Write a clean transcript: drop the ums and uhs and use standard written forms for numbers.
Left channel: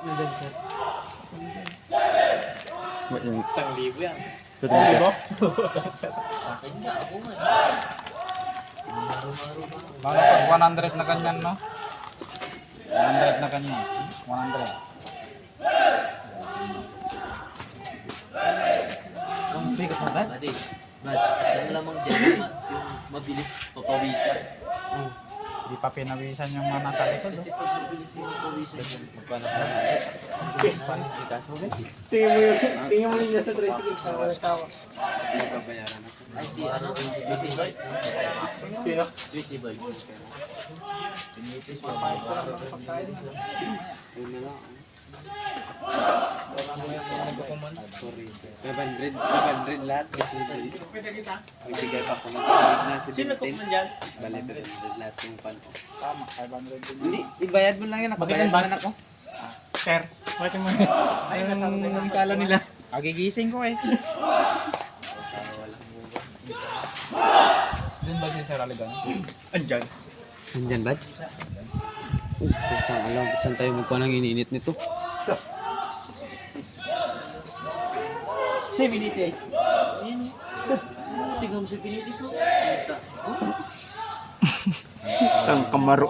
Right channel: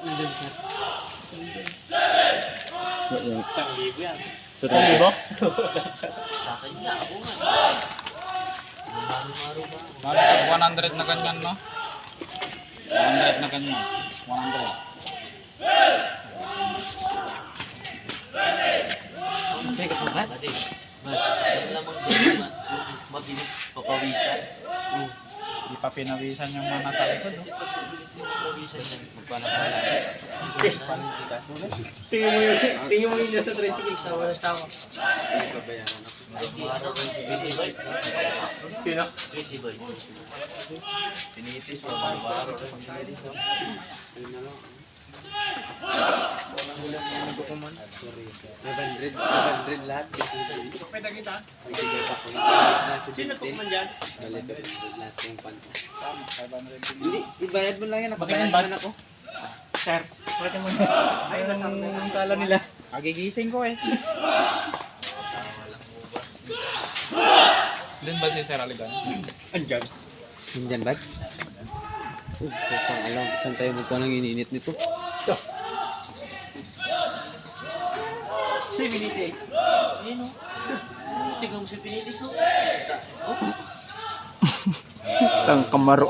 Nandun, sir. 1,000 yan. 1,000? Sa akin nga, ako nga. Maro-maro ba? Bakit 100 na ganyan, no? 100 na ganyan. 100. Ang bigat ng bat? Yan lamang dyan, mabilis papawisan. Di pa pinawisan yung mga nasa likod. Kasi pag mabilis yung papawisan yan, magpanak mo na. Tingin mo yun sa tricycle sa tao. Ay, si ano? Pretty boy. Sino? Pretty boy. Tinitis mo, maro-maro. Tinitis mo. Nagkukuman. 500 lahat. Pwede kita. Magbigay pa kung Sino nagkukuman dyan? Bali, 500 lahat yung pan ko. Tama, 500 din. Hindi, ibayad mo lang yan. Nakabayad Bakit naman ako. Sir. Bakit mo ay, nasa sala nila. Kagigising ko eh. Doon ba si Sir Aligan? Andyan. Nandyan ba? Saan tayo magpa ng iniinit nito? Si Vinitis. Ayun o. Tingnan mo si Pinitis o. Tang kamaro.